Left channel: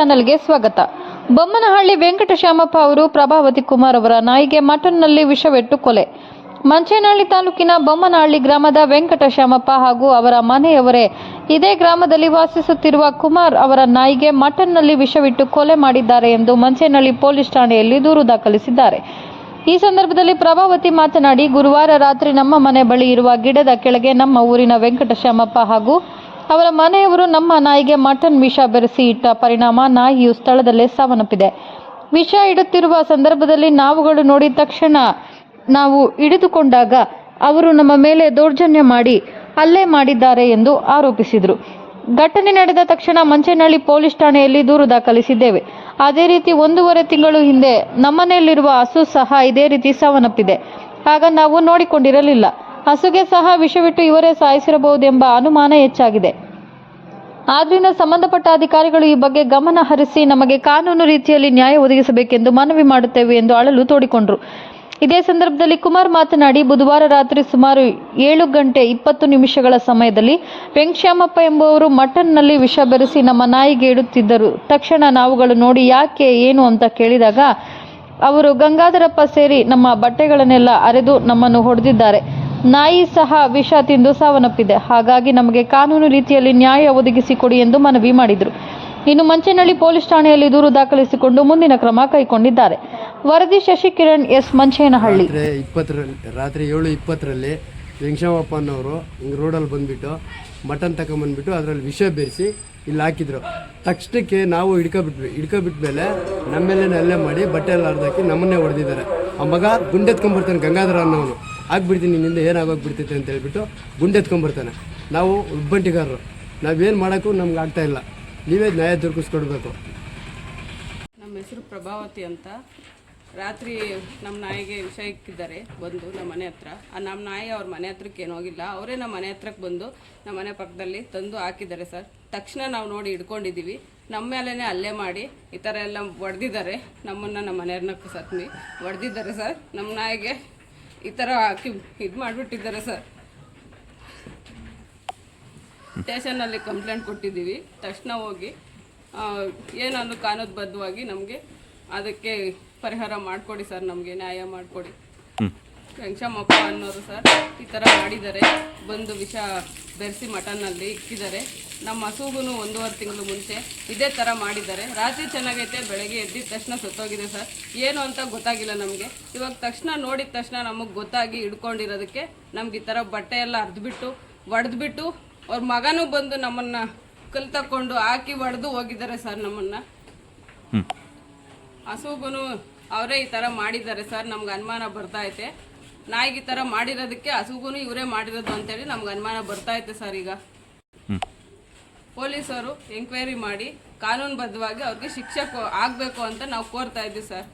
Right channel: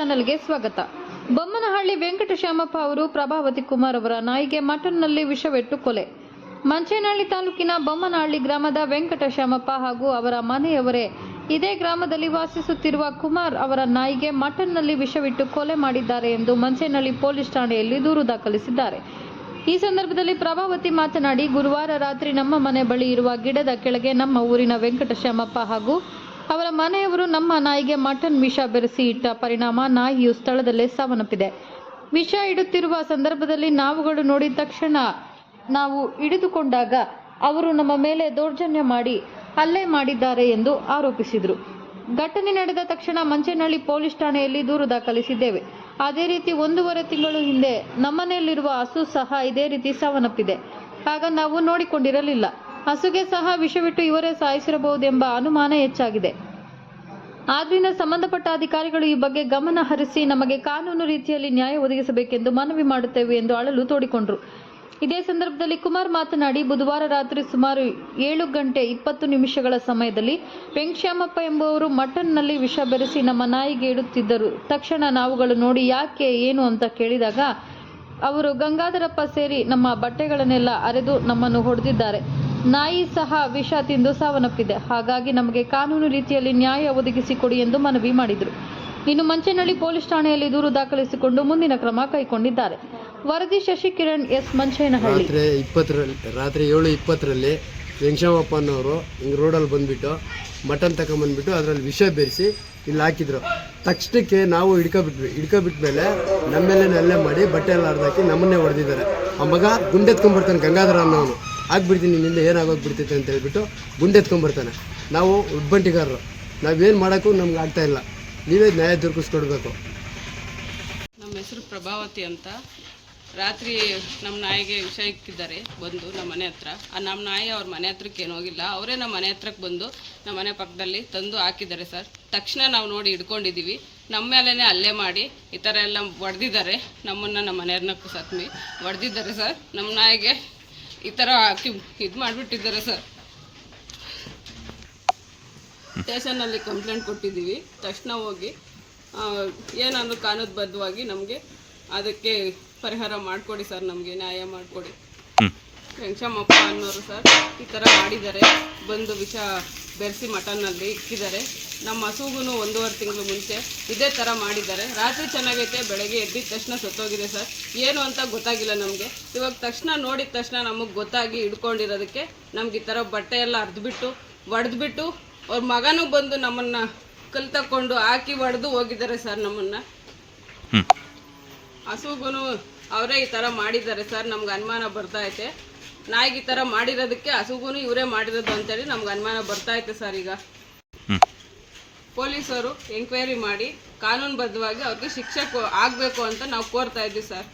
ಚಾನೆಲ್ಗೆ ಸ್ವಾಗತ. ಬೊಮ್ಮನಹಳ್ಳಿ ವೆಂಕಟಶ್ಯಾಮಪ್ಪ ಅವರು ಪ್ರಭಾವತಿ ಕುಮಾರ್ ಅವರ ನಾಯಿಗೆ ಮಟನ್ನಲ್ಲಿ ವಿಷವಿಟ್ಟು ಕೊಲೆ. ಮಂಚೇನಹಳ್ಳಿ ತಾಲೂಕಿನ ಬೊಮ್ಮನಹಳ್ಳಿ ಗ್ರಾಮದ ವೆಂಕಟಶ್ಯಾಮಪ್ಪ ಹಾಗೂ ಅವರ ಮನೆಯವರೇ ಇದೇ ಗ್ರಾಮದಲ್ಲಿ ವಾಸಿಸುತ್ತಿರುವ ಕುಮಾರ್ ಅವರ ನಾಯಿಗೆ ಮಟನ್ನಲ್ಲಿ ವಿಷವಿಟ್ಟು ಕೊಲೆ ಮಾಡಿದ್ದಾರೆ ಎಂದು ಮಂಚೇನಹಳ್ಳಿ ಪೊಲೀಸ್ ಠಾಣೆಯಲ್ಲಿ ದೂರು ದಾಖಲಿಸಿದ್ದಾರೆ. ಈ ಸಂದರ್ಭದಲ್ಲಿ ಪ್ರಭಾವತಿ ಮಾತನಾಡಿ, ಗುರುವಾರ ರಾತ್ರಿ ನಮ್ಮ ಮನೆ ಬಳಿ ಇರುವ ಗಿಡದ ಕೆಳಗೆ ನಮ್ಮ ಊರಿನ ವೆಂಕಟಶ್ಯಾಮಪ್ಪ ಹಾಗೂ ಅವರ ಮನೆಯವರು ನಮ್ಮ ನಾಯಿಗೆ ಮಟನ್ ವಿಷ ಬೆರೆಸಿ ಇಟ್ಟ ಪರಿಣಾಮ ನಾಯಿಯು ಸ್ಥಳದಲ್ಲೇ ಸಾವನ್ನಪ್ಪಿದೆ. ವಿಷ ಇಡುತ್ತಿರುವ ಸಂದರ್ಭದಲ್ಲಿ ನಾವುಗಳು ನೋಡಿದ ತಕ್ಷಣ ನಾವು ಹಿಡಿದುಕೊಂಡಾಗ ಅವರು ನಮ್ಮ ಮೇಲೆ ದೌರ್ಜನ್ಯ ಮಾಡಿ ಹಲ್ಲೆ ಮಾಡಿದ್ದಾರೆ ಎಂದು ಆರೋಪಿಸಿದರು. ಘಟನೆ ನಡೆದ ತಕ್ಷಣ ಮಂಚೇನಹಳ್ಳಿ ಪೊಲೀಸ್ ಠಾಣೆಯಲ್ಲಿ ದೂರು ದಾಖಲಿಸಿದ್ದೇವೆ. ಅದೇ ರೀತಿ 1.5 ತಿಂಗಳು ಹಿಂದೆ ನಮ್ಮನೆಯಲ್ಲಿರುವ ಹಸು ಸಹ ಇದೇ ರೀತಿ ಸಾವನ್ನಪ್ಪಿದೆ. ಆಗ ನಾವು ನೋಡಿಕೊಂಡಿರಲಿಲ್ಲ. ಹಸುಗೆ ಸಹ ವಿಷವಿಟ್ಟು ಇವರೇ ಸಾಯಿಸಿರಬಹುದೆಂಬ ಅನುಮಾನ ಹೆಚ್ಚಾಗಿದೆ. ಆದ್ದರಿಂದ ಸಂಬಂಧಪಟ್ಟ ಅಧಿಕಾರಿಗಳು ಈ ಬಗ್ಗೆ ಗಮನ ಹರಿಸಿ ನಮಗೆ ಕಾನೂನು ರೀತಿಯಲ್ಲಿ ನ್ಯಾಯ ಒದಗಿಸಬೇಕೆಂದು ಮನವಿ ಮಾಡುತ್ತೇವೆ ಎಂದು ಅಳಲು ತೋಡಿಕೊಂಡರು. ಇದೇ ಸಂದರ್ಭದಲ್ಲಿ ಕುಮಾರ್ ಮಾತನಾಡಿ, ಬುಧವಾರ ರಾತ್ರಿ ಸುಮಾರು 7:20 ಸಮಯದಲ್ಲಿ ವೆಂಕಟಶ್ಯಾಮಪ್ಪ ಎಂಬುವರು ಮಟನ್ನಲ್ಲಿ ವಿಷ ಬೆರೆಸಿ ನಮ್ಮ ನಾಯಿಗೆ ಇಡುತ್ತಿದ್ದರು. ತಕ್ಷಣ ನಾವುಗಳು ನೋಡಿ ಯಾಕೆ ಏನು ಅಂತ ಕೇಳಿದಾಗ ಅವರು ಗಂಗಾಧರಪ್ಪ ಸೇರಿ ನಮ್ಮ ಬಟ್ಟೆಗಳನ್ನೆಲ್ಲ ಅರೆದು ನಮ್ಮನ್ನು ಹೊಡೆದಿದ್ದಾರೆ. ನಾಯಿ ಸಹ ವಿಷ ತಿಂದು ಸಾವನ್ನಪ್ಪಿದೆ. ಹಾಗಾಗಿ ನಮಗೆ ಕಾನೂನು ರೀತಿಯಲ್ಲಿ ನ್ಯಾಯ ಒದಗಿಸಿಕೊಡಿ ಎಂದು ಮನವಿ ಮಾಡಿದರು. ಇನ್ನು ಮಂಚೇನಹಳ್ಳಿ ಪೊಲೀಸ್ ಠಾಣೆಯಲ್ಲಿ ದೂರು ದಾಖಲಿಸಿಕೊಂಡು ಮುಂದಿನ ಕ್ರಮ ಕೈಗೊಂಡಿದ್ದಾರೆ. ವರದಿ ಶಶಿಕಿರಣ್ ಎಸ್, ಮಂಚೇನಹಳ್ಳಿ. ರಾತ್ರಿ 7:20 ವೆಂಕಟಶ್ಯಾಮಪ್ಪ ಅನ್ನೋರು ಹಿಂಗೆ ರೋಡಲ್ಲಿ ಬಂದುಬಿಟ್ಟು ಮಟನ್ ತಗೊಂಬಂದ್ಬಿಟ್ಟು ಅದರಲ್ಲಿ ವಿಷ ಬೆರೆಸಿ ಇಲ್ಲಿ ಹಾಕಿದ್ರು. ತಕ್ಷಣಕ್ಕೆ ನಾವು ಹಿಡ್ಕೊಬಿಟ್ಮೇಲೆ ನಮ್ಮ ಮೇಲೆ ಹಲ್ಲೆ ಮಾಡಿ ಬಟ್ಟೆ ಎಲ್ಲ ಹರಿದಾಕಿ ನಮ್ಮನ್ನೇ ಹೊಡೆದಿದ್ದಾರೆ. ಆ ಮಗ ಗುಂಡೆತ್ಕೊಂಡ್ಬರ್ತಾನೆ, ಗಂಗಾಧರ ಅನ್ನೋನು. ಆಗ್ಬಿಡ್ತೀನಿ ನಿನ್ನಿಂದ ಏನಾಗೋಗ್ಬಿಡ್ತೈತೆ ಅಂತ ಹೇಳ್ಬಿಟ್ಟು ಗುಂಡೆತ್ಕೊಂಡ್ಬರ್ತಾನೆ. ನಾವು ಉಬ್ಬಂಟಿಗಾರರು, ನಾವೇನು ಮಾಡೋಕ್ಕೂ ನಮ್ಗೆ ಆಗ್ತಾಯಿಲ್ಲ. ನೀವೇ ನ್ಯಾಯ ದೊರಕಿಸ್ಕೊಡ್ಬೇಕು. ನಮ್ಮ ಹೆಸರು ಪ್ರಭಾವತಿ ಅಂತ. ರಾತ್ರಿ ನಮ್ಮ ನಾಯಿಗೆ ವಿಷ ಇಕ್ಕಿದ್ದಾರೆ ಬಂದು ನಮ್ಮ ಮನೆ ಹತ್ರ. ನಮ್ಮ ನಾಯಿ ಅವ್ರ ಮನೆ ಹತ್ರಕ್ಕೆ ಏನು ಹೋಗಿಲ್ಲ, ಅವರೇ ನಮ್ಮ ಮನೆ ಹತ್ರಕ್ಕೆ ಬಂದು ನಮ್ಮ ಮನೆ ಪಕ್ಕದಲ್ಲಿ ತಂದು ಹಾಕಿದ್ದಾರೆ ಸರ್. ತಕ್ಷಣ ನಾವು ನೋಡಿ ಹಿಡ್ಕೊಂಡಿದ್ದೀವಿ. ನಮ್ಮ ಮೇಲೇ ಹಲ್ಲೆ ಮಾಡಿ ಈ ಥರ ಎಲ್ಲ ಹೊಡೆದಿದ್ದಾರೆ. ನಮ್ಮನ್ನು ನಮ್ಮ ಮನೆಯವ್ರನ್ನ ಸತ್ಮಿ ಹೊಡೆದಿದ್ದಾರೆ ಸರ್. ನಮ್ಮ ನಾಯಿಗೆ ಈ ಥರ ಹಾಕಿ ಇದು ಮಾಡಿಬಿಟ್ಟಿದ್ದಾರೆ ಸರ್. ಸ್ಟೇಷನ್ನಲ್ಲಿ ಕಂಪ್ಲೇಂಟ್ ಕೊಟ್ಟಿದ್ದೀವಿ. ತಕ್ಷಣ ಹೋಗಿ ಏನಂದ್ರೆ ಕಾನೂನುಬದ್ಧವಾಗಿ ನಮಗೆ ಅದಕ್ಕೆ ಪರಿಹಾರ ಮಾಡಿಕೊಡಿ ಸರ್, ನಮಗೆ ನ್ಯಾಯ ಮಾಡಿಕೊಡಿ. ವೆಂಕಟಶ್ಯಾಮಪ್ಪ ಅನ್ನೋರು ಸರ್ ಈ ಥರ ಮಾಡಿದ್ದಾರೆ. ಬಂದು ವಿಷ ಬೆರೆಸಿ ಮಟನ್ನಲ್ಲಿ ಇಕ್ಕಿದ್ದಾರೆ. ನಮ್ಮ ಹಸುಗೂ 1.5 ತಿಂಗಳು ಮುಂಚೆ ಇದೇ ಥರ ಮಾಡಿದ್ದಾರೆ. ರಾತ್ರಿ ಚೆನ್ನಾಗೈತೆ, ಬೆಳಗ್ಗೆ ಎದ್ದಿದ ತಕ್ಷಣ ಸತ್ತೋಗಿದೆ ಸರ್. ಏನು ಅಂತ ಗೊತ್ತಾಗಿಲ್ಲ ನಮಗೆ. ಇವಾಗ ತಕ್ಷಣ ನೋಡಿದ ತಕ್ಷಣ ನಮಗೆ ಗೊತ್ತಾಗಿ ಹಿಡ್ಕೊಂಡಿರೋದಕ್ಕೆ ನಮ್ಗೆ ಈ ಥರ ಬಟ್ಟೆ ಎಲ್ಲ ಹರಿದ್ಬಿಟ್ಟು ಹೊಡೆದ್ಬಿಟ್ಟು ಅವ್ರ ಮಗನೂ ಬಂದು ನಮ್ಮನ್ನು ಕಲ್ ತಕ್ಕೊಂಡು ಹಾಕಿ ಹೊಡೆದು ಹೋಗಿದ್ದಾರೆ ಸರ್. ನಮ್ಮನ್ನು ಹಸುಗೂ ಅವರೇ ಈ ಥರ ಮಾಡಿದ್ದಾರೆ ಸರ್. ನಮ್ಗೆ ಅನುಮಾನ ಬರ್ತೈತೆ. ನಾಯಿಗೆ ಈ ಥರ ಮಾಡಿರೋದಕ್ಕೆ ಹಸುಗೂ ಇವರೇ ಮಾಡಿರೋದು ಅಂತೇಳಿ ನಮ್ಗೆ ಅನುಮಾನ ಬರ್ತೈತೆ ಸರ್. ಈಗ ಪೊಲೀಸರು ಎಂಕ್ವೈರಿ ಮಾಡಿ ಕಾನೂನುಬದ್ಧವಾಗಿ ಅವ್ರಿಗೆ ಶಿಕ್ಷೆ ಆಗಬೇಕು ಅಂತ ನಾವು ಕೋರ್ತಾ ಇದ್ದೀವಿ ಸರ್.